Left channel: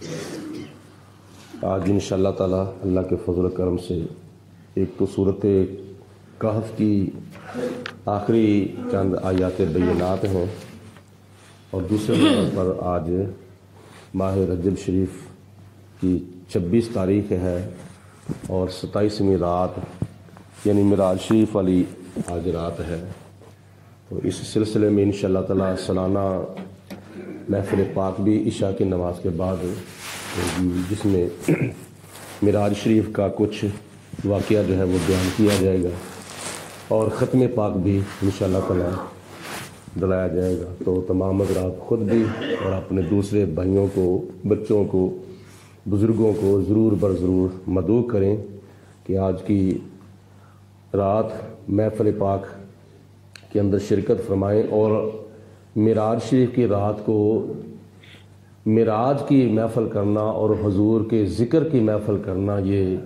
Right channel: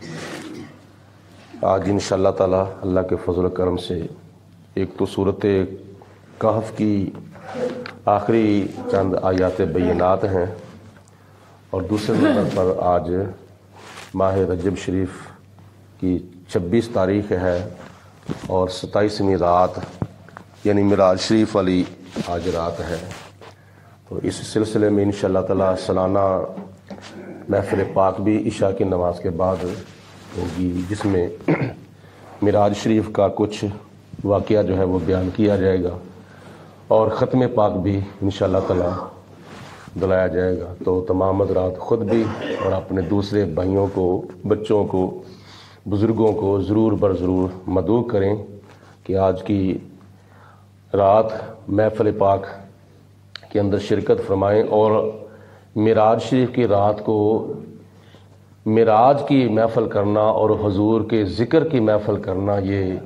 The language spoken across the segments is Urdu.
آج انشاءاللہ تعالی اللہ کے فضل و کرم سے ایک تو صورت کہف کی آخری چند آیات بینات ہیں، اور دوسرے نمبر پر آج ماہ رجب شریف کی 26 تاریخ ہے اور 27ویں رات یعنی معراج شریف والی آج رات ہے۔ تو اس سلسلے میں انشاءاللہ تعالی سالانہ محفل پاک بھی عشاء کی نماز کے بعد ہوگی، جس میں معراج شریف کا کچھ واقعہ جو ہے وہ بیان کیا جائے گا اور ختم پاک بھی انشاءاللہ تعالی بلایا جائے گا۔ تو تمام حضرات خود بھی اور اپنے دوسرے بھائیوں کو، بچوں کو، بزرگوں کو ضرور ضرور مدعو کریں کہ آج کی رات محفل پاک کے اندر شرکت فرمائیں، اور معراج شریف کی رات کو معراج کی محفل کرنا اور حضور کے ذکر کی محفل کرنا، یہ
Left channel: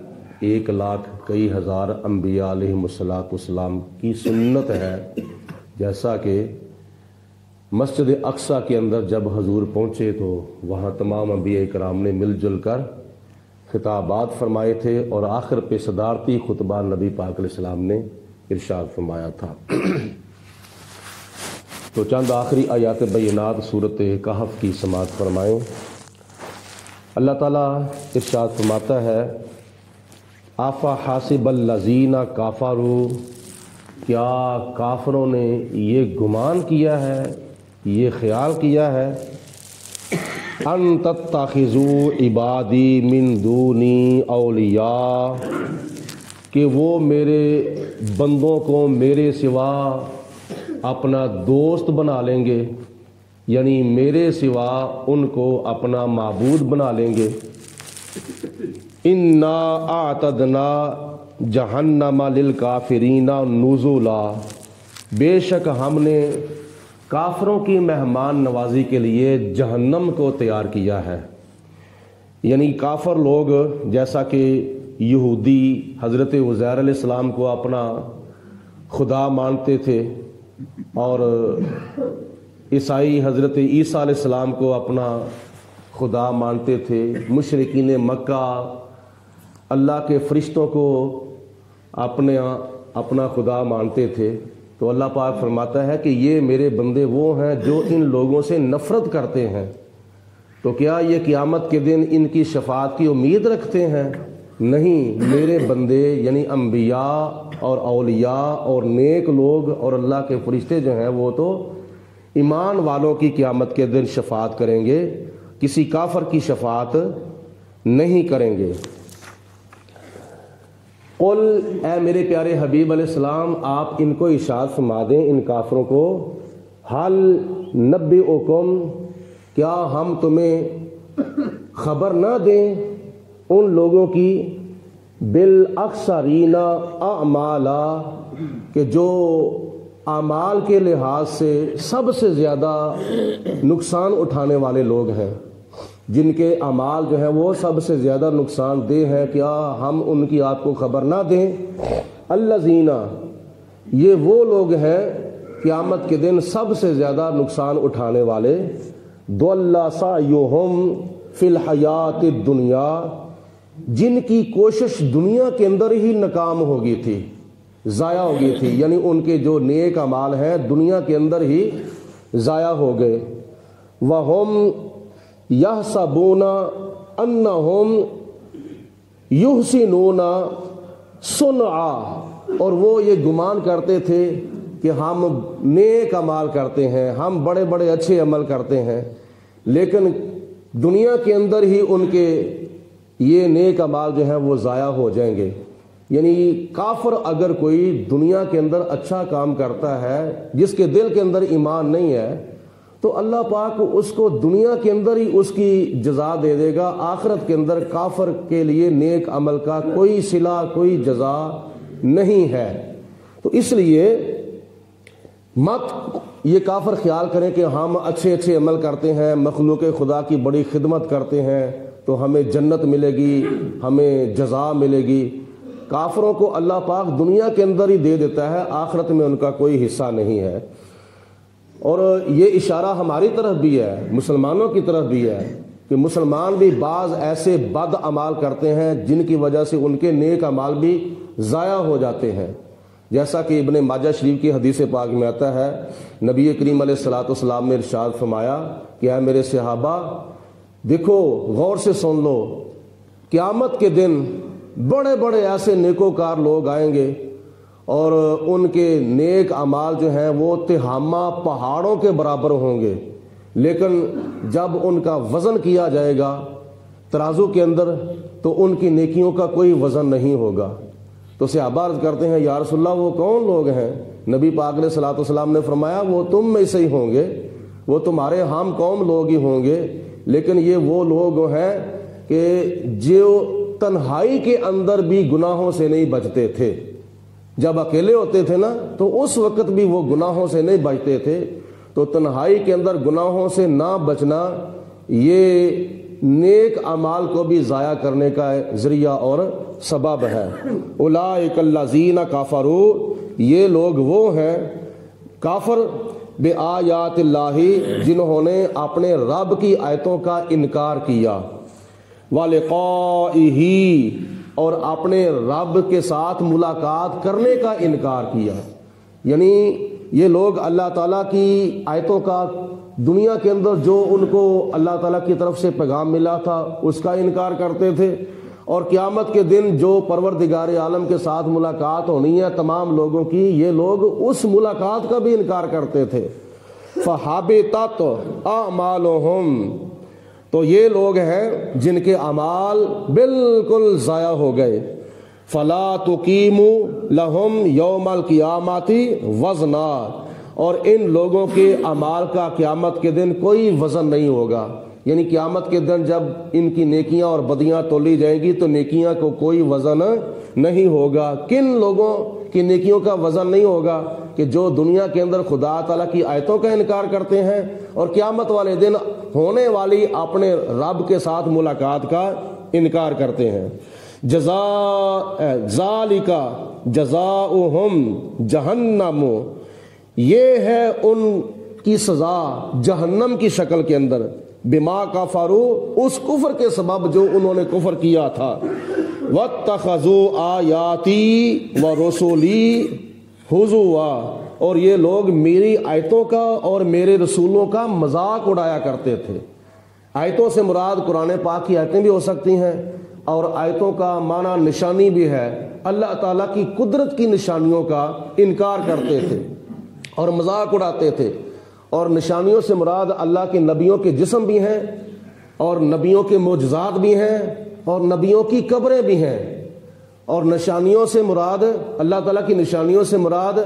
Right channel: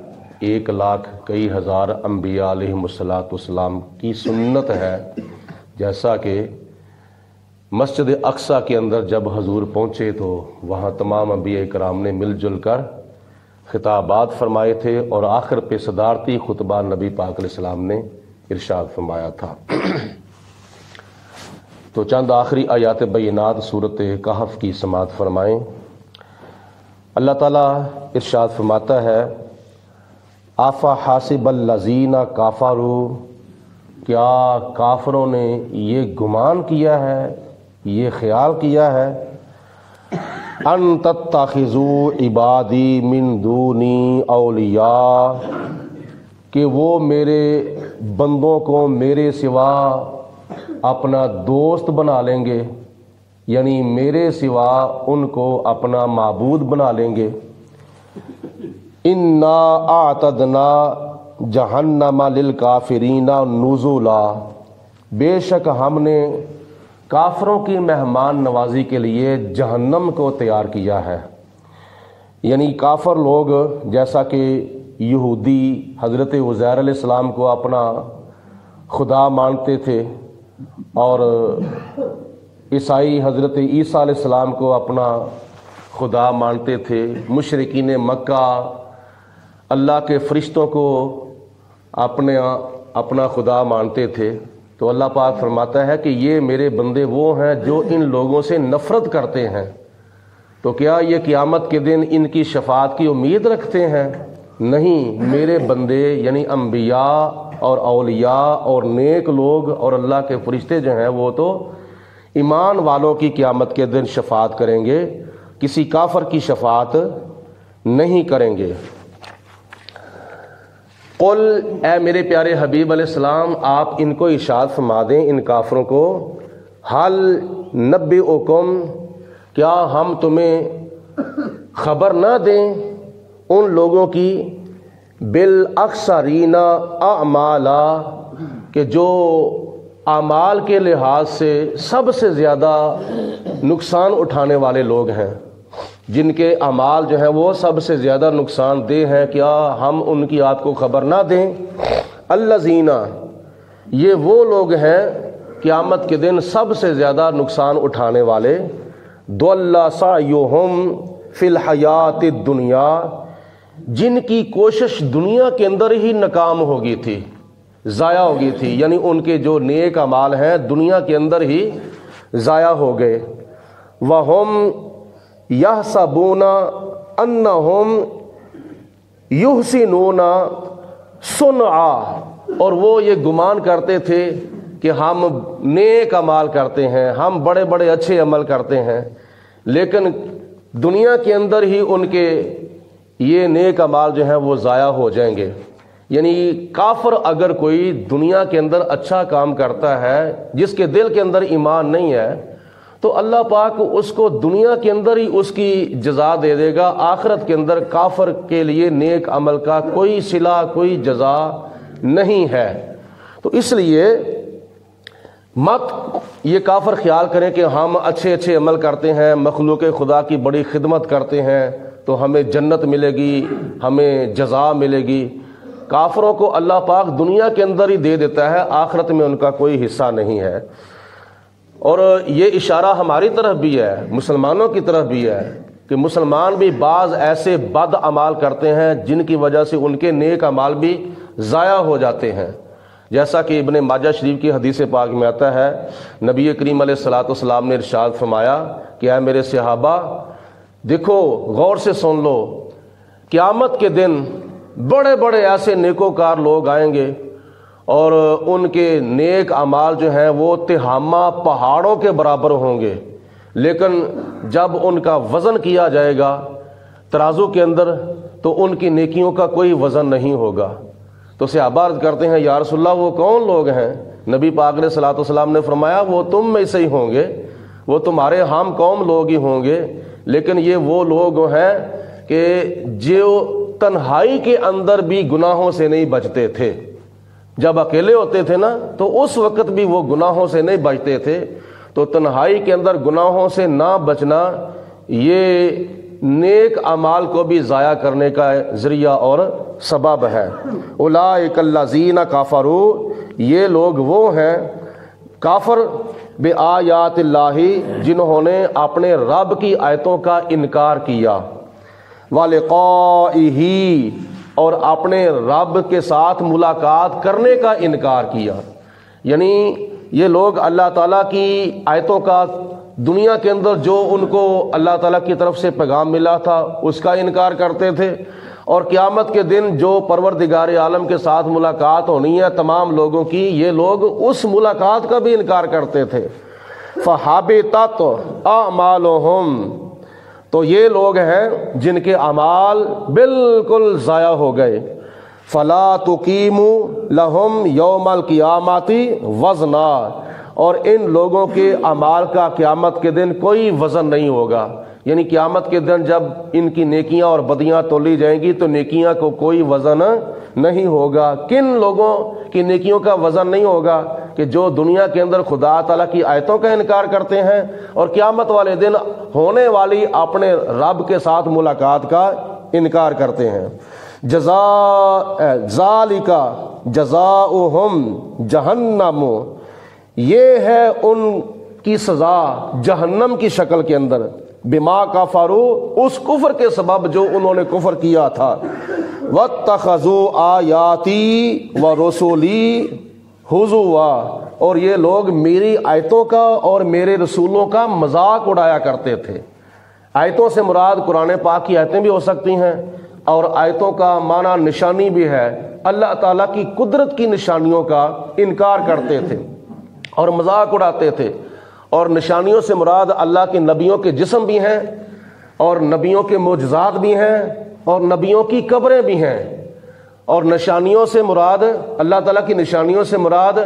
1,00,000 کئی ہزار انبیاء علیہم الصلوۃ کی سنت ہے۔ جیسا کہ مسجد اقصیٰ کے اندر جب حضور پہنچے تو وہاں تمام انبیاء کرام نے مل جل کر خطابات فرمائے تھے، اور آخر پہ صدارتی خطبہ نبی پاک علیہ السلام نے ارشاد فرمایا تھا۔ تو چند آخری آیات بینات صورت کہف کی سماعت فرمائیں۔ اللہ تعالیٰ ارشاد فرماتا ہے، آفا حاسب الذین کافروا، کیا کافروں نے یہ گمان کیا ہے، یہ خیال کیا ہے، ان تتخذوا عبادی من دونی اولیاء، کہ وہ میرے بندوں کو میرے سوا اپنا دوست بنا لیں گے، یعنی میرے سوا ان کو اپنا معبود بنا لیں گے۔ انا اعتدنا جہنم للکافرین نزلا، بے شک ہم نے کافروں کی مہمان نوازی کے لیے جہنم کو تیار کیا ہے۔ یعنی کافر لوگ، جیسا کہ یہودی حضرت عزیر علیہ السلام کو اپنا خدا مانتے تھے، اور عیسائی حضرت عیسیٰ علیہ السلام کو اپنا خدا مانتے تھے، مشرکین مکہ اللہ کے فرشتوں کو اپنا خدا مانتے تھے۔ تو اللہ پاک فرماتا ہے کہ یہ میرے بندے وہ ہیں جو ان لوگوں سے نفرت کرتے ہیں، تو کیا یہ قیامت کے دن ان کی شفاعت کی امید رکھتے ہیں؟ نہیں، میرے بندے یعنی انبیاء اور اولیاء اور نیک لوگ اور اللہ کے فرشتے جو ہیں وہ تو ایمان والوں کی قیامت کے دن شفاعت کریں گے، کسی کافر کی شفاعت نہیں کریں گے۔ قل، اے میرے پیارے حبیب علیہ السلام، آپ ان کو ارشاد فرما دیں، ان کافروں کو، حل نبئکم، کیا ہم تمہیں خبر نہ دیں ان لوگوں کی، بالاخسرین اعمالا، کہ جو اعمال کے لحاظ سے سب سے زیادہ نقصان اٹھانے والے لوگ ہیں، جن کے اعمال جو ہیں وہ سب سے زیادہ نقصان دہ ہیں، کیا ہم ان کی آپ کو خبر نہ دیں؟ الذین، یہ وہ لوگ ہیں قیامت کے دن سب سے زیادہ نقصان اٹھانے والے، ضل سعیہم فی الحیات الدنیا، جن کی کوشش دنیا کے اندر ہی ناکام ہو گئی تھی، ضائع ہو گئی تھی، یعنی ان کے جو نیک اعمال ہیں دنیا کے اندر ہی ضائع ہو گئے۔ وَهُمْ يَحْسَبُونَ أَنَّهُمْ يُحْسِنُونَ صُنْعًا، اور وہ یہ گمان کرتے تھے کہ ہم نیک اعمال کرتے ہیں، ہم بڑے بڑے اچھے عمل کرتے ہیں، لیکن دنیا کے اندر ہی ان کے یہ نیک اعمال جو ہیں وہ ضائع ہو جائیں گے۔ یعنی کافر اگر کوئی دنیا کے اندر اچھا کام کرتا ہے، جس کے دل کے اندر ایمان نہیں ہے، تو اللہ پاک اس کو دنیا کے اندر ہی اس کی جزا دے دے گا، آخرت کے اندر کافر کے لیے نیک عمل کا کوئی صلہ، کوئی جزا نہیں ہے۔ تو اس لیے مت یہ کافر خیال کریں کہ ہم اچھے اچھے عمل کرتے ہیں، مخلوق خدا کی بڑی خدمت کرتے ہیں تو ہمیں جنت ملے گی، ہمیں جزا ملے گی۔ کافروں کو اللہ پاک دنیا کے اندر ہی دے دیتا ہے، آخرت میں ان کا کوئی حصہ نہیں ہے۔ اور یہ اشارہ ہماری طرف بھی ہے، مسلمانوں کی طرف بھی ہے کہ مسلمان بھی بعض ایسے بد اعمال کرتے ہیں جن کی وجہ سے ان کے نیک اعمال بھی ضائع ہو جاتے ہیں. جیسا کہ ابن ماجہ شریف کی حدیث پاک میں آتا ہے، نبی کریم علیہ الصلوۃ والسلام نے ارشاد فرمایا کہ اے میرے صحابہ دیکھو، غور سے سن لو، قیامت کے دن بڑے بڑے ایسے نیکوکار لوگ آئیں گے اور ان کے نیک اعمال جو ہیں وہ تہامہ پہاڑوں کے برابر ہوں گے، لیکن جب ان کا وزن کیا جائے گا ترازو کے اندر تو ان کی نیکیوں کا کوئی وزن نہیں ہوگا. تو صحابہ عرض کرتے ہیں یا رسول اللہ وہ کون لوگ ہیں؟ نبی پاک علیہ الصلوۃ والسلام نے فرمایا وہ تم میں سے ہی ہوں گے، وہ تمہارے ہم قوم لوگ ہی ہوں گے، لیکن یہ وہ لوگ ہیں کہ جو تنہائی کے اندر بھی گناہوں سے نہیں بچتے تھے. جب اکیلے ہوتے تھے نا تو اس وقت بھی وہ گناہوں سے نہیں بچتے تھے. تو تنہائی کے اندر گناہوں سے نہ بچنا یہ نیک اعمال کو بھی ضائع کرنے کا ذریعہ اور سبب ہے. اولئک الذین کفروا، یہ لوگ وہ ہیں کافر بآیات اللہ، جنہوں نے اپنے رب کی آیتوں کا انکار کیا، ولقائہ، اور اپنے رب کے ساتھ ملاقات کرنے کا انکار کیا. یعنی یہ لوگ اللہ تعالیٰ کی آیتوں کا دنیا کے اندر جو ان کو اللہ تعالیٰ کی طرف سے پیغام ملا تھا اس کا انکار کرتے تھے، اور قیامت کے دن جو پروردگار عالم کے ساتھ ملاقات ہونی ہے تمام لوگوں کی، یہ لوگ اس ملاقات کا بھی انکار کرتے تھے. فَحَبِطَتْ أَعْمَالُهُمْ، تو یہ لوگ ہیں جن کے اعمال بالکل ضائع ہو گئے. فَلَا تُقِيمُ لَهُمْ يَوْمَ الْقِيَامَةِ وَزْنًا، اور ان لوگوں کے اعمال کا قیامت کے دن کوئی وزن نہیں ہوگا. یعنی قیامت کے دن جب ان کی نیکیاں اور بدیاں تولی جائیں گی تو نیکیاں کو کوئی وزن نہیں ہوگا. کن لوگوں کی نیکیوں کا وزن نہیں ہوگا؟ کہ جو دنیا کے اندر خدا تعالیٰ کی آیتوں کا انکار کرتے ہیں اور قیامت والے دن ہونے والی اپنے رب کے ساتھ ملاقات کا انکار کرتے ہیں. ذالک جزاؤہم جہنم، یہ ہے ان کی سزا جہنم کی شکل کے اندر، بما کفروا، اس کفر کے سبب جو انہوں نے کفر کیا تھا. واتخذوا آیاتی ورسولی ہزوا، اور یہ لوگ میری آیتوں کا اور میرے رسولوں کا مذاق اڑایا کرتے تھے. آیتوں سے مراد قرآن پاک کی آیتیں بھی ہو سکتی ہیں، اور آیتوں کا معنی نشانی بھی ہے. اللہ تعالیٰ کی قدرت کی نشانیوں کا انکار کرتے تھے اور مذاق اڑاتے تھے. اور نشانیوں سے مراد اللہ کے نبیوں کے جسم بھی ہیں، اور نبیوں کے معجزات بھی ہیں، اور نبیوں کی قبریں بھی ہیں. اور نشانیوں سے مراد، اللہ تعالیٰ کی نشانیوں سے مراد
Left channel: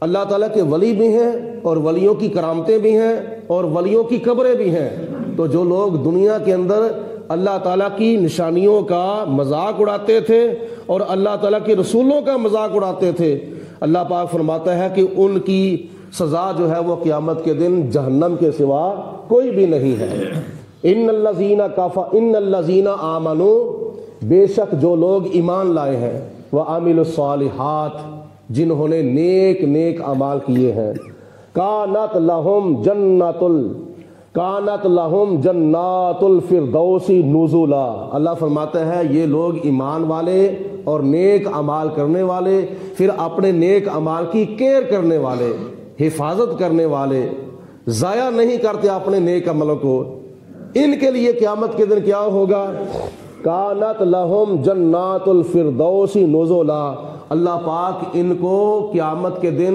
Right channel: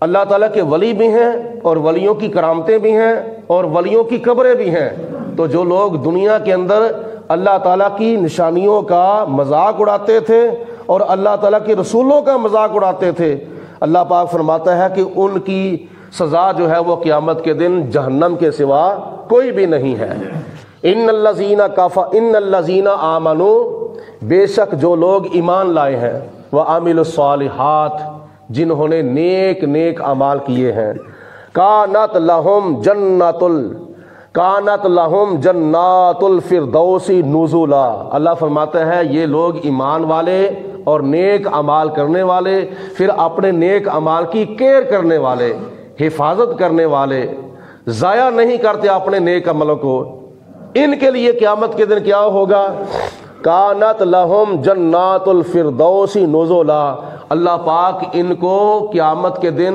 اللہ تعالیٰ کے ولی بھی ہیں، اور ولیوں کی کرامتیں بھی ہیں، اور ولیوں کی قبریں بھی ہیں. تو جو لوگ دنیا کے اندر اللہ تعالیٰ کی نشانیوں کا مذاق اڑاتے تھے اور اللہ تعالیٰ کے رسولوں کا مذاق اڑاتے تھے، اللہ پاک فرماتا ہے کہ ان کی سزا جو ہے وہ قیامت کے دن جہنم کے سوا کوئی بھی نہیں ہے. ان الذین آمنوا، بے شک جو لوگ ایمان لائے ہیں، وعملوا الصالحات، جنہوں نے نیک نیک اعمال کیے ہیں، کانت لہم جنات الفردوس نزلا، اللہ فرماتا ہے یہ لوگ ایمان والے اور نیک اعمال کرنے والے، پھر اپنے نیک اعمال کی کیئر کرنے والے، حفاظت کرنے والے، ضائع نہیں کرتے اپنے نیک عملوں کو، ان کے لیے قیامت کے دن کیا ہوگا؟ کانت لہم جنات الفردوس نزلا، اللہ پاک ان کو قیامت کے دن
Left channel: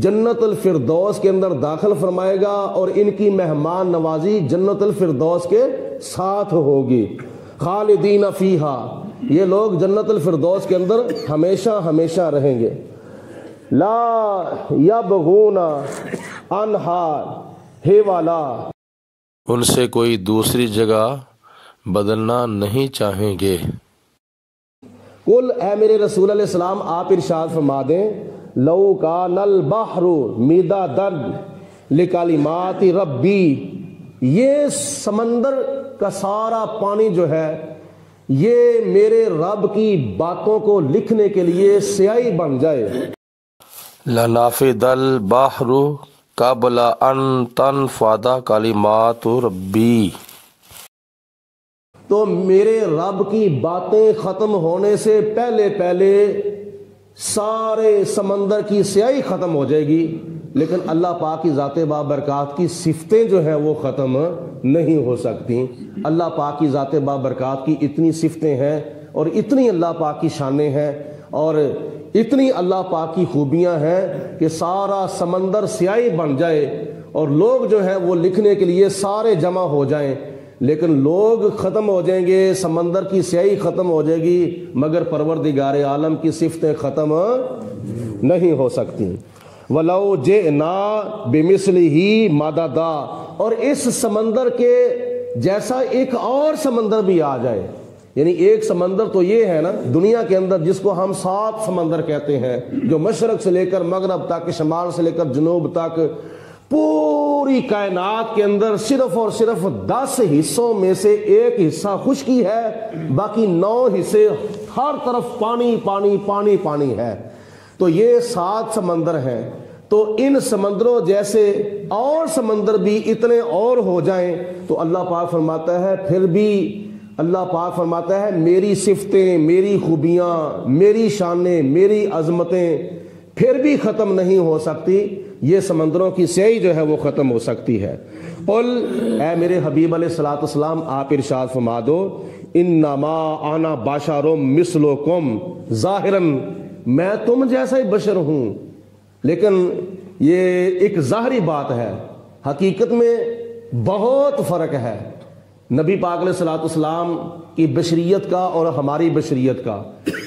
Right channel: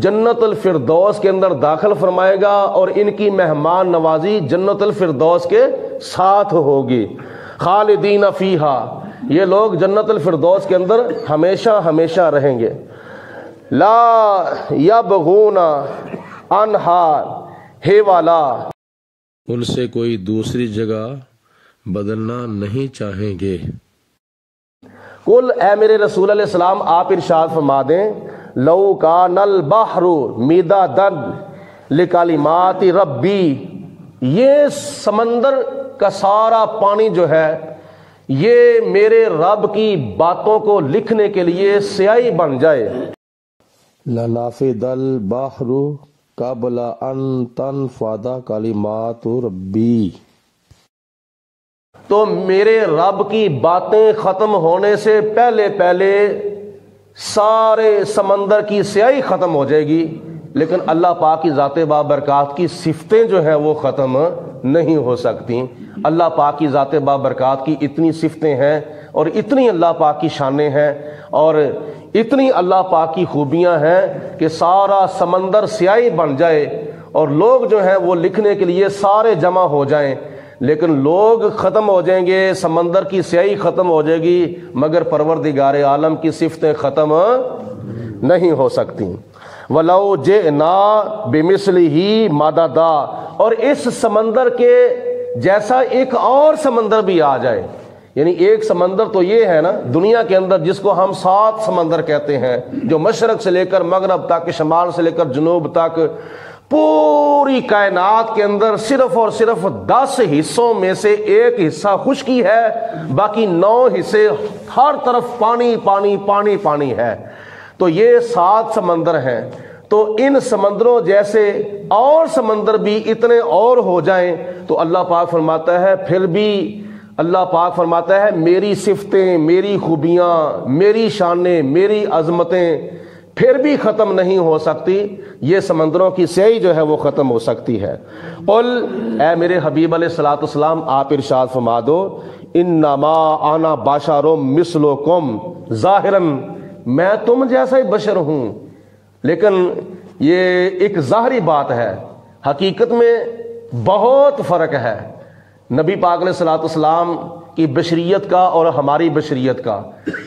جنت الفردوس کے اندر داخل فرمائے گا، اور ان کی مہمان نوازی جنت الفردوس کے ساتھ ہوگی. خالدین فیہا، یہ لوگ جنت الفردوس کے اندر ہمیشہ ہمیشہ رہیں گے. لا یبغون عنہا حولا، ان سے کوئی دوسری جگہ بدلنا نہیں چاہیں گے. قل، اے میرے رسول علیہ السلام آپ ارشاد فرما دیں، لو کان البحر مدادا لکلمات ربی، یہ سمندر کا سارا پانی جو ہے یہ میرے رب کی باتوں کو لکھنے کے لیے سیاہی بن جائے. لنفد البحر قبل ان تنفد کلمات ربی، تو میرے رب کی باتیں ختم ہونے سے پہلے پہلے سارے سمندر کی سیاہی ختم ہو جائے گی، لیکن اللہ پاک کی ذات بابرکات کی صفتیں جو ہیں وہ ختم نہیں ہو سکتی۔ اللہ پاک کی ذات بابرکات کی اتنی صفتیں ہیں اور اتنی اللہ پاک کی شانیں ہیں اور اتنی اللہ پاک کی خوبیاں ہیں کہ سارا سمندر سیاہی بن جائے اور لوگ جو ہیں وہ لکھنے کے لیے سارے جمع ہو جائیں، لیکن لوگ ختم ہو جائیں گے، سمندر کی سیاہی ختم ہو جائے گی، مگر پروردگار عالم کی صفتیں ختم نہیں ہو سکتی۔ وَلَوْ جِئْنَا بِمِثْلِهِ مَدَدًا، اور اس سمندر کے جیسا ایک اور سمندر بھی آ جائے، یعنی ایک سمندر تو یہ ہے نا دنیا کے اندر جس کو ہم 7 سمندر کہتے ہیں، جو مشرق سے لے کر مغرب تک، شمال سے لے کر جنوب تک، پوری کائنات کے اندر صرف اور صرف 10 حصوں میں سے ایک حصہ خشکی ہے، باقی 9 حصے ہر طرف پانی پانی پانی پانی ہے۔ تو یہ 7 سمندر ہیں، تو ان سمندروں جیسے اور سمندر بھی اتنے اور ہو جائیں تو اللہ پاک فرماتا ہے پھر بھی اللہ پاک فرماتا ہے میری صفتیں، میری خوبیاں، میری شانیں، میری عظمتیں پھر بھی ختم نہیں ہو سکتی، یہ سمندروں کی سیاہی جو ہے وہ ختم ہو سکتی ہے۔ قل، اے میرے حبیب علیہ الصلوۃ والسلام آپ ارشاد فرما دو، انما انا بشر مثلکم، ظاہراً میں تم جیسا ہی بشر ہوں، لیکن یہ ایک ظاہری بات ہے، حقیقت میں بہت فرق ہے نبی پاک علیہ الصلوۃ والسلام کی بشریت کا اور ہماری بشریت کا۔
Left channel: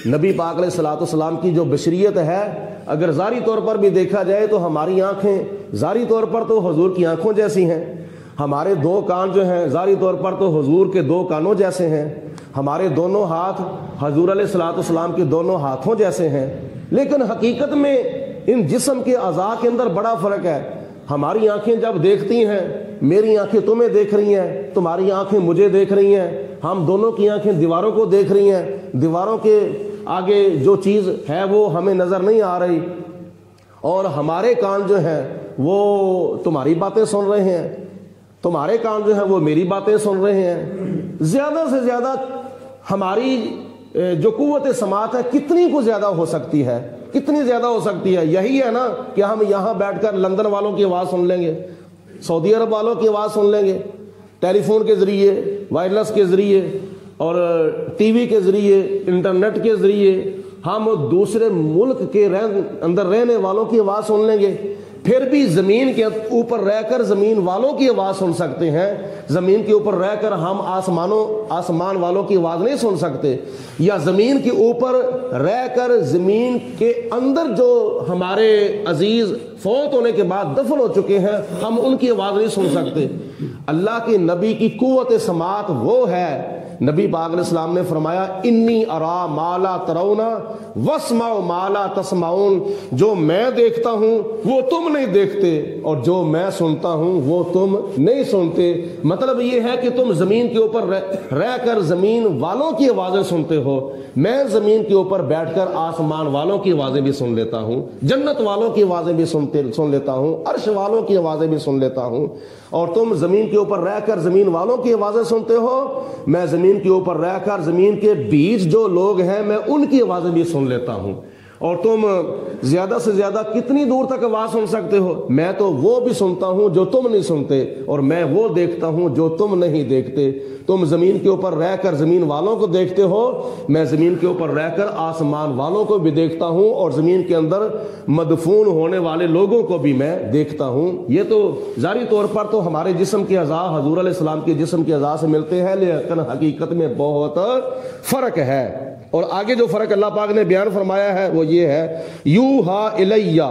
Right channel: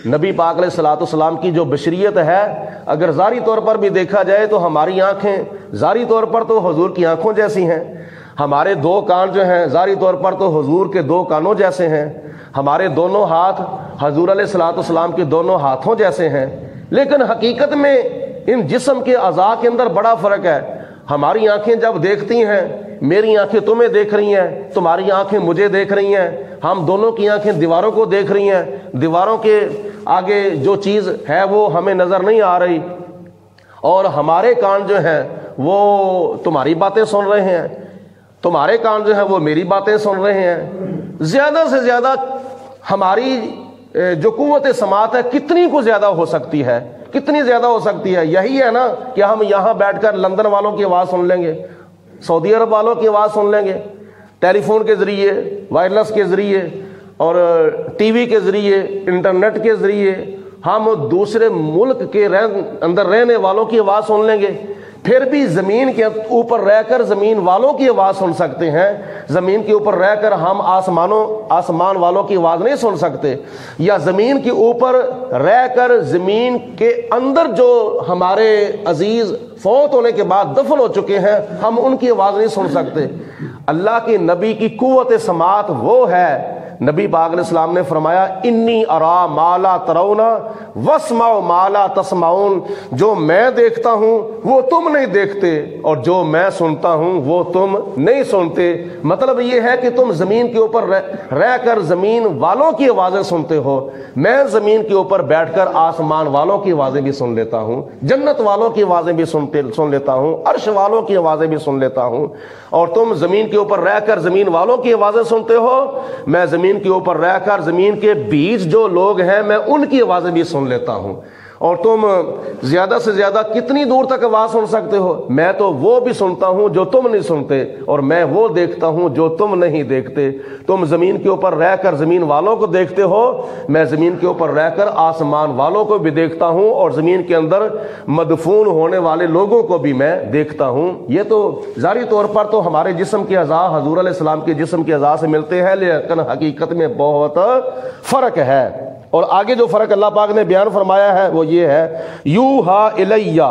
نبی پاک علیہ الصلوۃ والسلام کی جو بشریت ہے، اگر ظاہری طور پر بھی دیکھا جائے تو ہماری آنکھیں ظاہری طور پر تو حضور کی آنکھوں جیسی ہیں، ہمارے 2 کان جو ہیں ظاہری طور پر تو حضور کے 2 کانوں جیسے ہیں، ہمارے دونوں ہاتھ حضور علیہ الصلوۃ والسلام کے دونوں ہاتھوں جیسے ہیں، لیکن حقیقت میں ان جسم کے اعضاء کے اندر بڑا فرق ہے۔ ہماری آنکھیں جب دیکھتی ہیں، میری آنکھیں تمہیں دیکھ رہی ہیں، تمہاری آنکھیں مجھے دیکھ رہی ہیں، ہم دونوں کی آنکھیں دیواروں کو دیکھ رہی ہیں، دیواروں کے آگے جو چیز ہے وہ ہمیں نظر نہیں آ رہی، اور ہمارے کان جو ہیں وہ تمہاری باتیں سن رہے ہیں، تمہارے کان جو ہیں وہ میری باتیں سن رہے ہیں۔ زیادہ سے زیادہ ہماری جو قوت سماعت ہے کتنی کو زیادہ ہو سکتی ہے، کتنی زیادہ ہو سکتی ہے؟ یہی ہے نا کہ ہم یہاں بیٹھ کر لندن والوں کی آواز سن لیں گے، سعودی عرب والوں کی آواز سن لیں گے، ٹیلی فون کے ذریعے، وائرلیس کے ذریعے اور ٹی وی کے ذریعے، انٹرنیٹ کے ذریعے ہم دوسرے ملک کے اندر رہنے والوں کی آواز سن لیں گے، پھر بھی زمین کے اوپر رہ کر زمین والوں کی آواز سن سکتے ہیں، زمین کے اوپر رہ کر ہم آسمان والوں کی آواز نہیں سن سکتے، یا زمین کے اوپر رہ کر زمین کے اندر جو ہمارے عزیز فوت ہونے کے بعد دفن ہو چکے ہیں ہم ان کی آواز نہیں سن سکتے۔ اللہ کے نبی کی قوت سماعت وہ ہے، نبی پاک علیہ السلام نے فرمایا انی ارا ما لا ترون واسمع ما لا تسمعون، جو میں دیکھتا ہوں وہ تم نہیں دیکھتے اور جو میں سنتا ہوں وہ تم نہیں سنتے۔ مطلب یہ ہے کہ تم زمین کے اوپر رہ کر زمین والوں کی آوازیں سنتے ہو، میں زمین کے اوپر بیٹھ کر آسمان والوں کی آوازیں بھی سن لیتا ہوں، جنت والوں کی آوازیں بھی سن لیتا ہوں، عرش والوں کی آوازیں بھی سن لیتا ہوں، اور تم زمین کے اوپر رہ کر زمین والوں کی آوازیں سنتے ہو، میں زمین کے اوپر رہ کر زمین کے بیچ جو لوگ ہیں میں ان کی آوازیں بھی سن لیتا ہوں۔ اور تم زیادہ سے زیادہ کتنی دور تک آواز سن سکتے ہو؟ میں تو وہ بھی سنتا ہوں جو تم نہیں سنتے، اور میں وہ دیکھتا ہوں جو تم نہیں دیکھتے۔ تم زمین کے اوپر رہ کر زمین والوں کو دیکھتے ہو، میں زمین کے اوپر رہ کر آسمان والوں کو بھی دیکھتا ہوں، اور زمین کے اندر مدفون ہونے والے لوگوں کو بھی میں دیکھتا ہوں۔ یہ تو ظاہری طور پر تو ہمارے جسم کے اعضاء حضور علیہ السلام کے جسم کے اعضاء سے ملتے ہیں، لیکن حقیقت میں بہت فرق ہے۔ اور آگے جو فرق اللہ پاک نے بیان فرمایا ہے وہ یہ ہے، یوحا الیہ،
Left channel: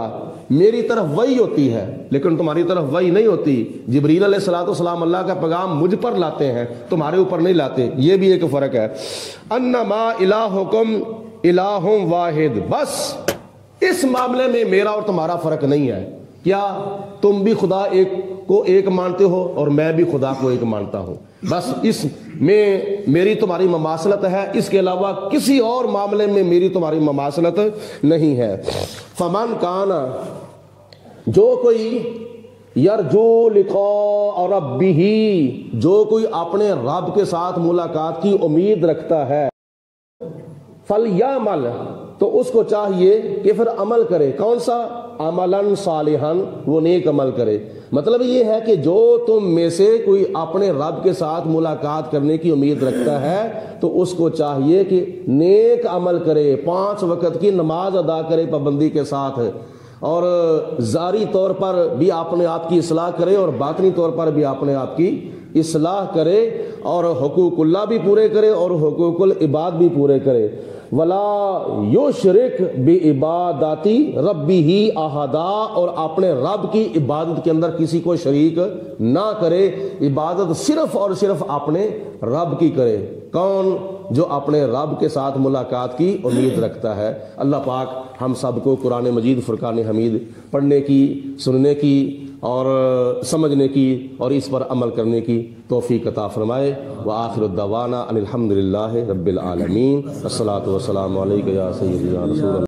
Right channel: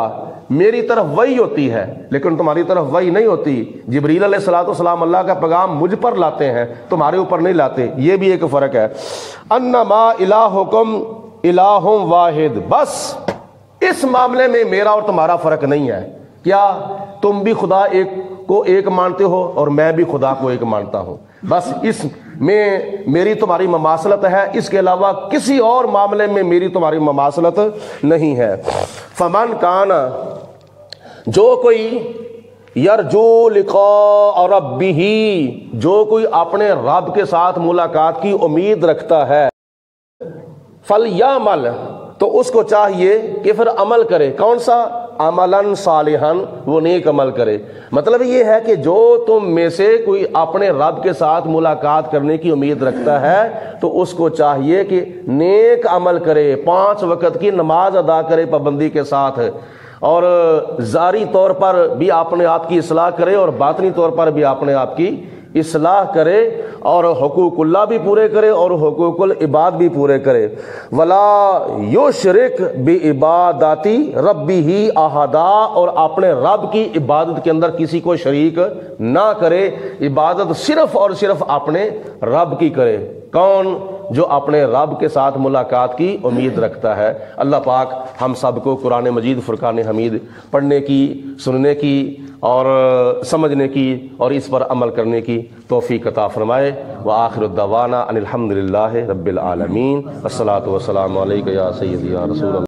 میری طرف وحی ہوتی ہے لیکن تمہاری طرف وحی نہیں ہوتی۔ جبریل علیہ الصلوۃ والسلام اللہ کا پیغام مجھ پر لاتے ہیں، تمہارے اوپر نہیں لاتے، یہ بھی ایک فرق ہے۔ انما الہکم الہ واحد، بس اس معاملے میں میرا اور تمہارا فرق نہیں ہے، کیا تم بھی خدا ایک کو ایک مانتے ہو اور میں بھی خدا کو ایک مانتا ہوں، بس اس میں میری تمہاری مماثلت ہے، اس کے علاوہ کسی اور معاملے میں میری تمہاری مماثلت نہیں ہے۔ فمن کان، جو کوئی یرجو لقاء ربہ، جو کوئی اپنے رب کے ساتھ ملاقات کی امید رکھتا ہے، فلیعمل، تو اس کو چاہیے کہ پھر عمل کرے. کون سا؟ عملاً صالحاً، وہ نیک عمل کرے. مطلب یہ ہے کہ جو تم میں سے کوئی اپنے رب کے ساتھ ملاقات کرنے کی امید رکھتا ہے تو اس کو چاہیے کہ نیک عمل کرے، 5 وقت کی نماز ادا کرے پابندی کے ساتھ، اور ظاہری طور پر بھی اپنے آپ کی اصلاح کرے اور باطنی طور پر بھی اپنے آپ کی اصلاح کرے، اور حقوق اللہ بھی پورے کرے اور حقوق العباد بھی پورے کرے. ولا یشرک بعبادت ربہ احدا، اور اپنے رب کی عبادت کے اندر کسی کو شریک نہ کرے. عبادت صرف اور صرف اپنے رب کی کرے. کون؟ جو اپنے رب کے ساتھ ملاقات کی امید رکھتا ہے. اللہ پاک ہم سب کو قرآن مجید فرقان حمید پڑھنے کی، سننے کی اور سمجھنے کی اور اس پر عمل کرنے کی توفیق عطا فرمائے. وآخر الدعوانا ان الحمد للہ رب العالمین. الصلاۃ والسلام علیک یا سیدی یا رسول اللہ.